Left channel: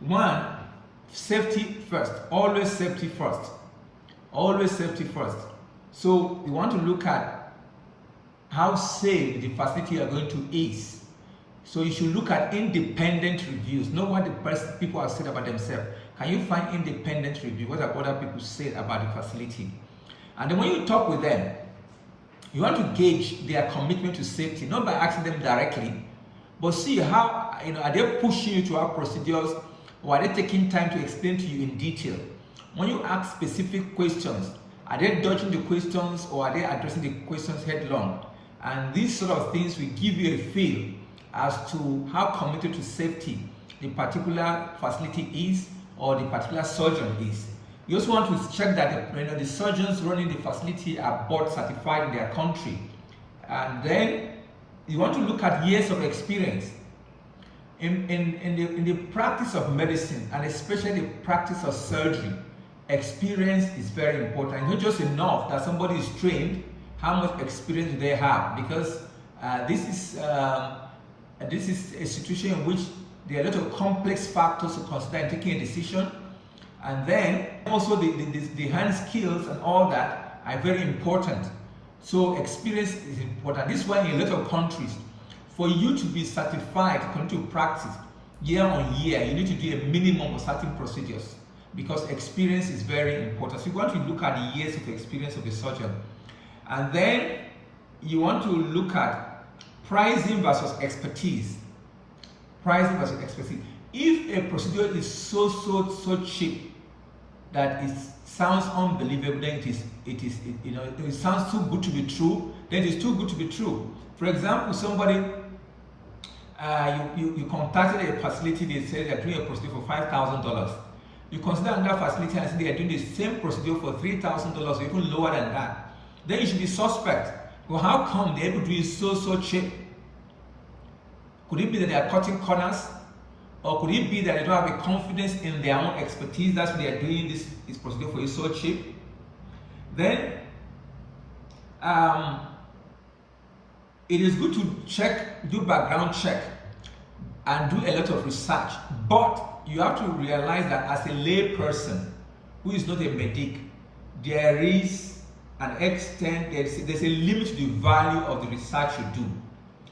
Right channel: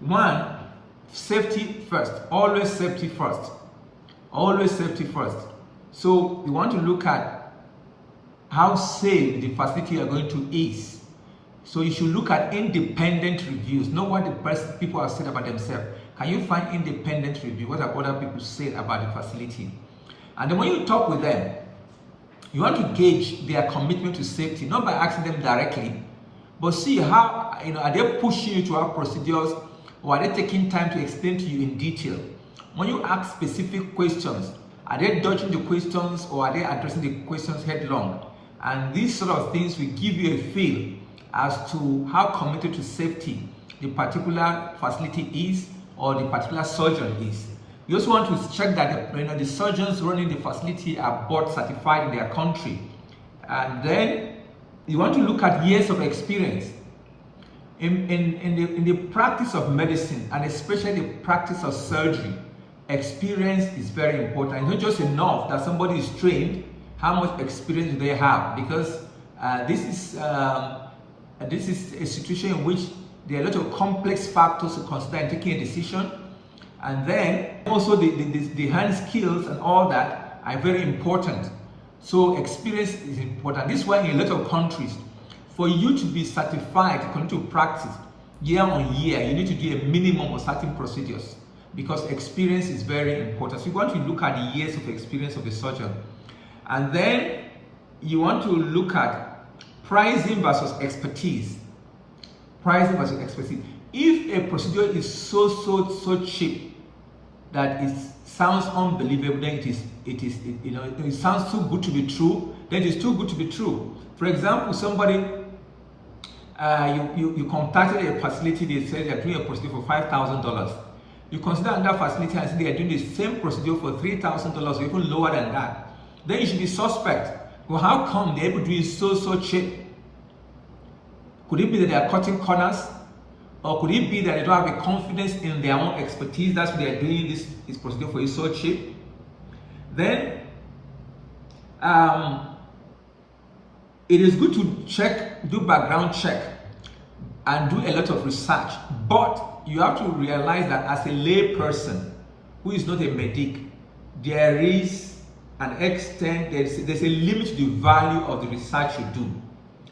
One, safety first. Always safety first. Always safety first. So you want to look at how safe the facility you are going to is. So you should look at independent reviews. Know what the people have said about themselves. Can you find independent review? What have other people said about the facility? And then when you talk with them, you want to gauge their commitment to safety, not by asking them directly, but see how, are they pushing you to have procedures, or are they taking time to explain to you in detail? When you ask specific questions, are they dodging the questions, or are they addressing the questions headlong? And these sort of things will give you a feel as to how committed to safety the particular facility is, or the particular surgeon is. You also want to check that the surgeons running the facility are board certified in their country. And then you want to look at years of experience. In the practice of medicine, and especially the practice of surgery, experience is very important. It's not just enough that somebody is trained. How much experience do they have? Because this is a situation in which there are a lot of complex factors to consider in taking a decision. And then also the hand skills and all that are very important. So experience is important. This is why in a lot of countries, for you to be certified according to practice year on year, you need to do a minimum of certain procedures, because experience is very important. So you want to look at the years of experience of the surgeon. And then you want to look at pricing versus expertise. Pricing versus expertise. If a procedure is so cheap that it sounds unbelievable, then it sounds too good to be true, then it's too good to be true. For example, somebody you contacted a facility, they said they're doing a procedure for $5,000. You consider another facility and say they are doing the same procedure for $3,000 or even lower than that. Then you should be suspect. Well, how come they're able to do it so cheap? Could it be that they are cutting corners? Or could it be that they don't have a confidence in their own expertise? That's why they are doing this procedure for you so cheap. Then it is good to do background check and do a lot of research. But you have to realize that as a lay person who is not a medic, there is an extent, there's a limit to the value of the research you do.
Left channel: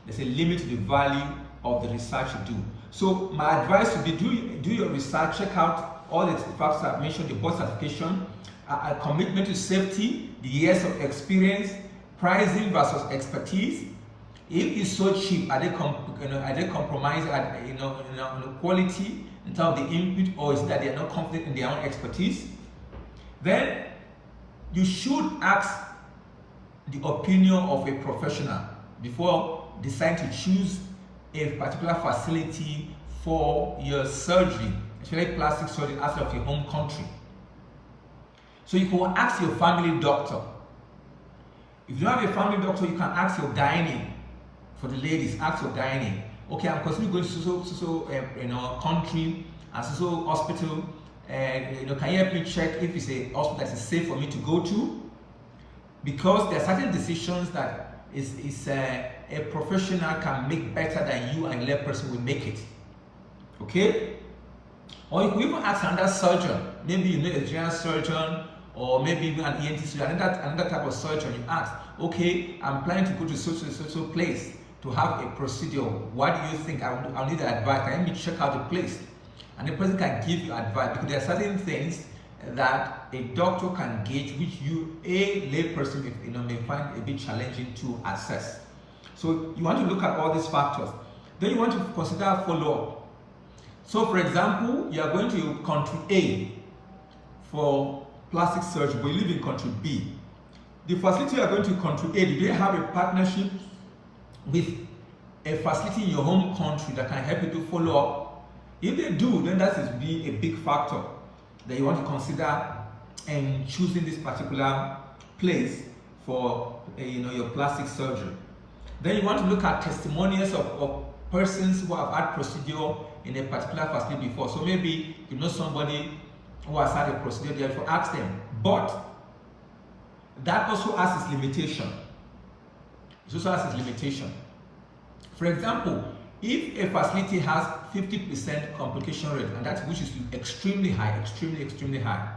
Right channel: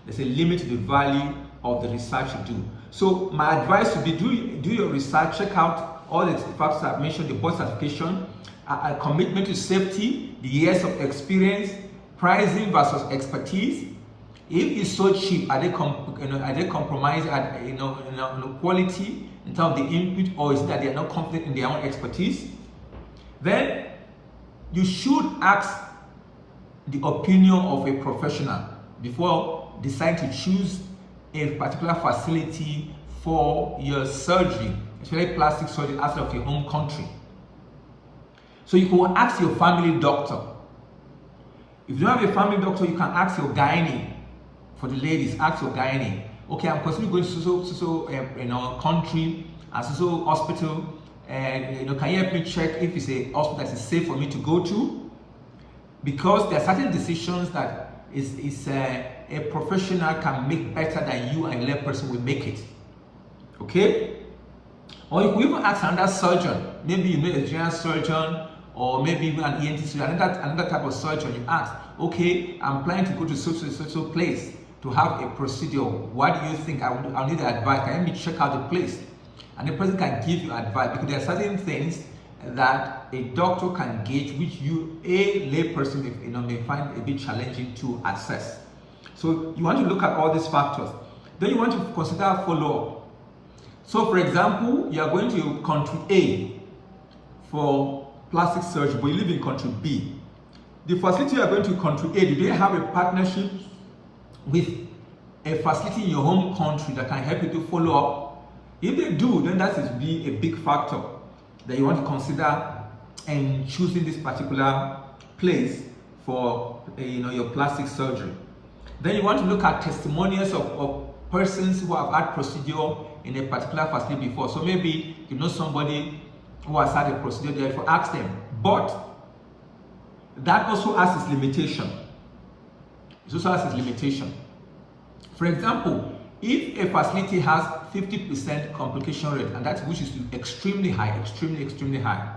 There's a limit to the value of the research you do. So my advice would be do your research, check out all the factors I've mentioned, the board certification, a commitment to safety, the years of experience, pricing versus expertise. If it's so cheap, are they compromising at quality in terms of the input, or is it that they are not confident in their own expertise? Then you should ask the opinion of a professional before deciding to choose a particular facility for your surgery, especially plastic surgery outside of your home country. So you can ask your family doctor. If you don't have a family doctor, you can ask your gynae. For the ladies, ask your gynae. Okay, I'm considering going to country and so hospital, and can you help me check if it's a hospital that is safe for me to go to? Because there are certain decisions that a professional can make better than you and a lay person will make it. Okay? Or you could even ask another surgeon. Maybe you know a general surgeon, or maybe even an ENT surgeon, another type of surgeon. You ask, okay, I'm planning to go to so place to have a procedure. What do you think? I'll need advice. Can you check out the place? And the person can give you advice, because there are certain things that a doctor can gauge which you, a lay person, may find a bit challenging to assess. So you want to look at all these factors. Then you want to consider follow-up. So for example, you are going to country A for plastic surgery, but you live in country B. The facility you are going to country A, do they have a partnership with a facility in your home country that can help you to follow up? If they do, then that is be a big factor that you want to consider in choosing this particular place for your plastic surgery. Then you want to look at testimonials of persons who have had procedure in a particular facility before. So maybe you know somebody who has had a procedure there, for ask them. But that also has its limitation. It also has its limitation. For example, if a facility has 50% complication rate, and that's which is extremely high, extremely high.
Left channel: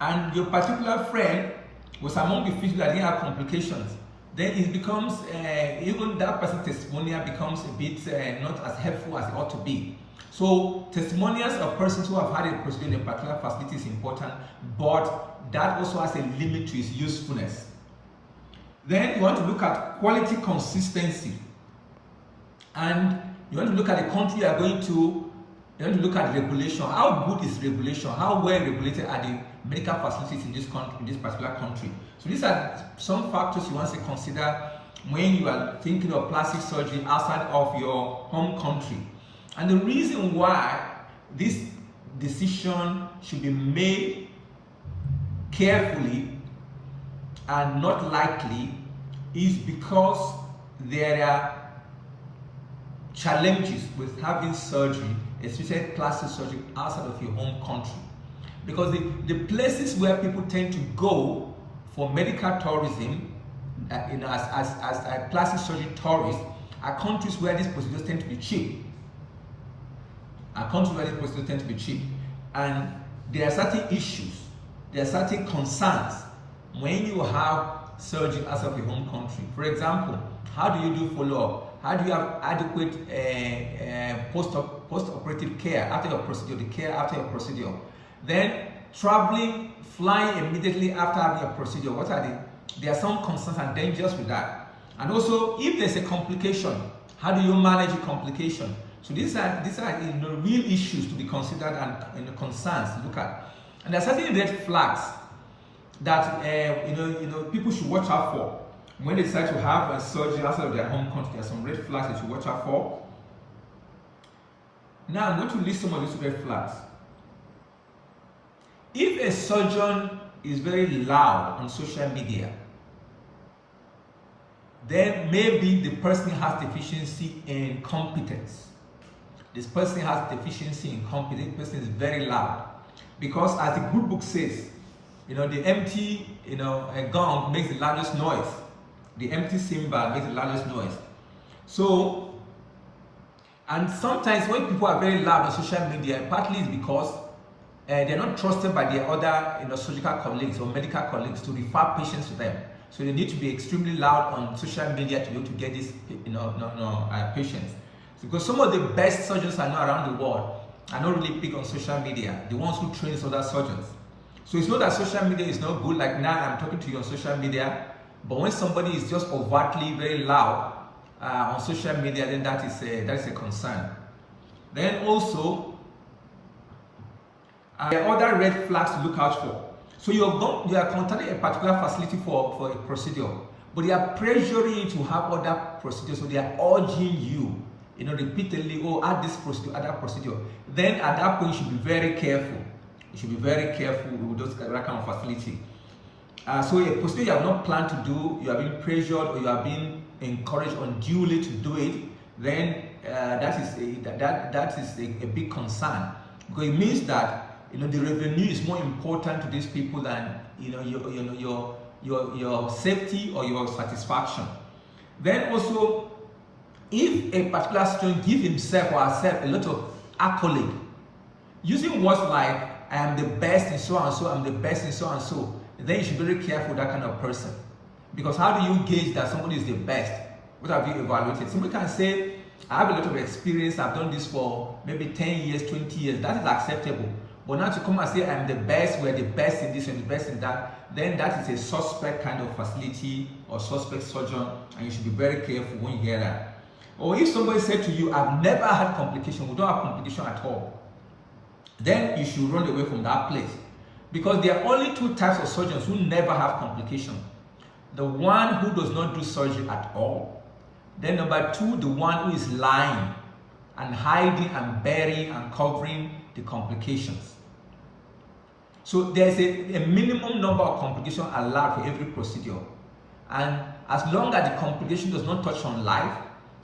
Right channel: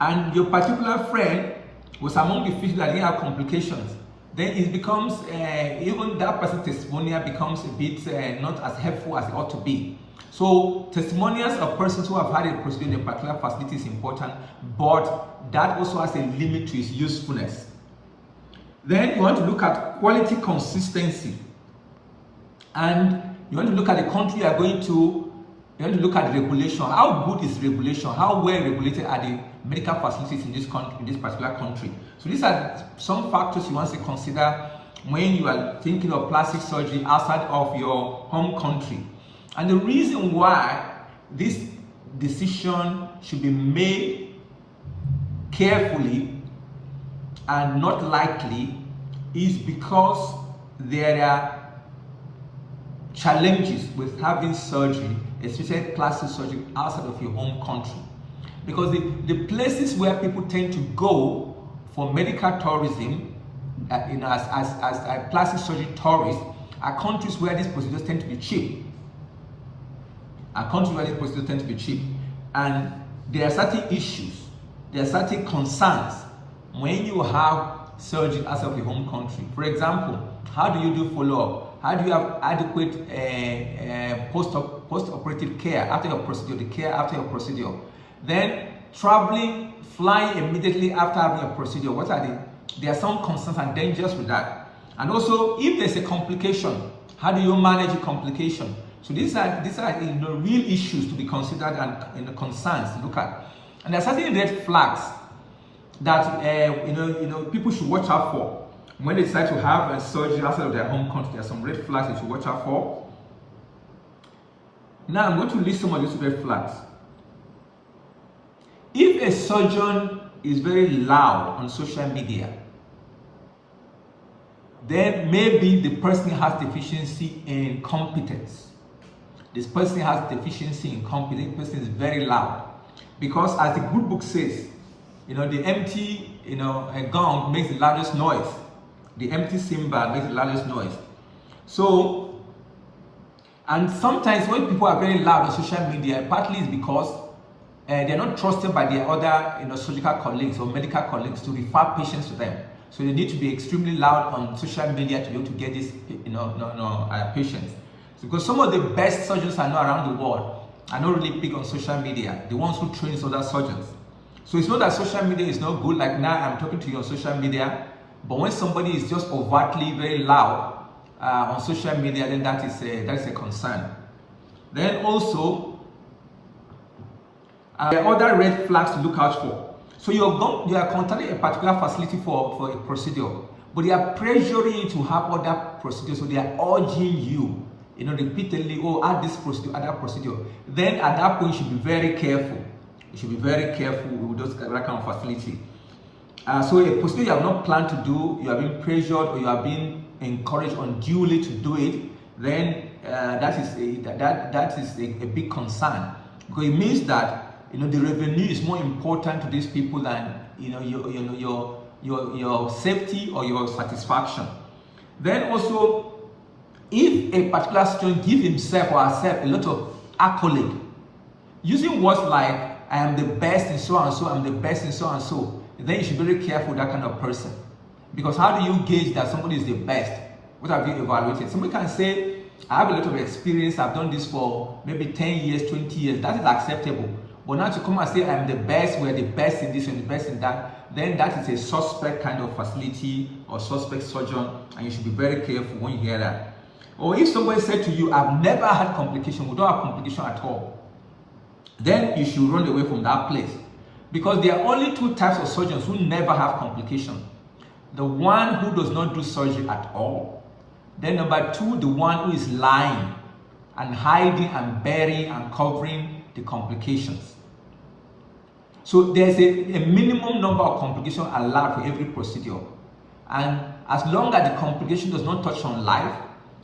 And your particular friend was among the few that didn't have complications, then it becomes, even that person's testimonial becomes a bit not as helpful as it ought to be. So testimonials of persons who have had a procedure in a particular facility is important, but that also has a limit to its usefulness. Then you want to look at quality consistency, and you want to look at the country you are going to. You want to look at regulation. How good is regulation? How well regulated are the medical facilities in this country, in this particular country? So these are some factors you want to consider when you are thinking of plastic surgery outside of your home country. And the reason why this decision should be made carefully and not lightly is because there are challenges with having surgery, especially plastic surgery, outside of your home country. Because the places where people tend to go for medical tourism, as plastic surgery tourists, are countries where these procedures tend to be cheap. And there are certain issues, there are certain concerns when you have surgery outside of your home country. For example, how do you do follow-up? How do you have adequate post-operative care after your procedure, the care after your procedure? Then traveling, flying immediately after having your procedure, what are there are some concerns and dangers with that. And also, if there's a complication, how do you manage a complication? So these are real issues to be considered and concerns to look at. And there are certain red flags that people should watch out for when they decide to have a surgery outside of their home country. There are some red flags they should watch out for. Now I'm going to list some of these red flags. If a surgeon is very loud on social media, then maybe the person has deficiency in competence. This person has deficiency in competence. The person is very loud. Because as the good book says, the empty gong makes the loudest noise. The empty cymbal makes the loudest noise. So, and sometimes when people are very loud on social media, partly is because they're not trusted by their other surgical colleagues or medical colleagues to refer patients to them. So they need to be extremely loud on social media to be able to get these patients. Because some of the best surgeons I know around the world are not really big on social media, the ones who train other surgeons. So it's not that social media is not good, like now I'm talking to you on social media, but when somebody is just overtly very loud on social media, then that is a concern. Then also, there are other red flags to look out for. So you are contacting a particular facility for a procedure, but they are pressuring you to have other procedures, so they are urging you, repeatedly, add this procedure, add that procedure. Then at that point, you should be very careful. You should be very careful with those kind of facility. So a procedure you have not planned to do, you are being pressured or you are being encouraged unduly to do it, then that is a big concern, because it means that the revenue is more important to these people than your safety or your satisfaction. Then also, if a particular student gives himself or herself a lot of accolade, using words like I am the best in so and so, I'm the best in so and so, then you should be very careful with that kind of person. Because how do you gauge that somebody is the best? What have you evaluated? Somebody can say, I have a lot of experience, I've done this for maybe 10 years, 20 years, that is acceptable. But now to come and say, I'm the best, we're the best in this and the best in that, then that is a suspect kind of facility or suspect surgeon, and you should be very careful when you hear that. Or if somebody said to you, I've never had complication, we don't have complication at all, then you should run away from that place. Because there are only two types of surgeons who never have complication. The one who does not do surgery at all. Then number two, the one who is lying and hiding and burying and covering the complications. So there's a minimum number of complications allowed for every procedure. And as long as the complication does not touch on life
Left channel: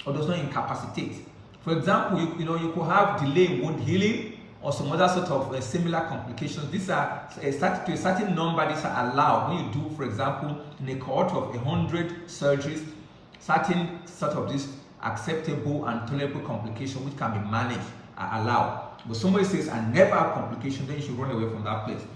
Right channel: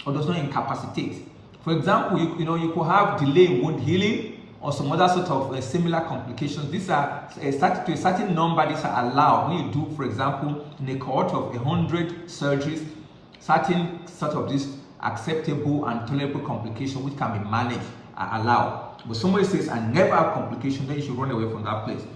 or does not incapacitate. For example, you could have delay in wound healing or some other sort of similar complications. These are to a certain number. These are allowed when you do, for example, in a cohort of 100 surgeries. Certain sort of these acceptable and tolerable complication which can be managed are allowed. But somebody says, I never have complication, then you should run away from that place.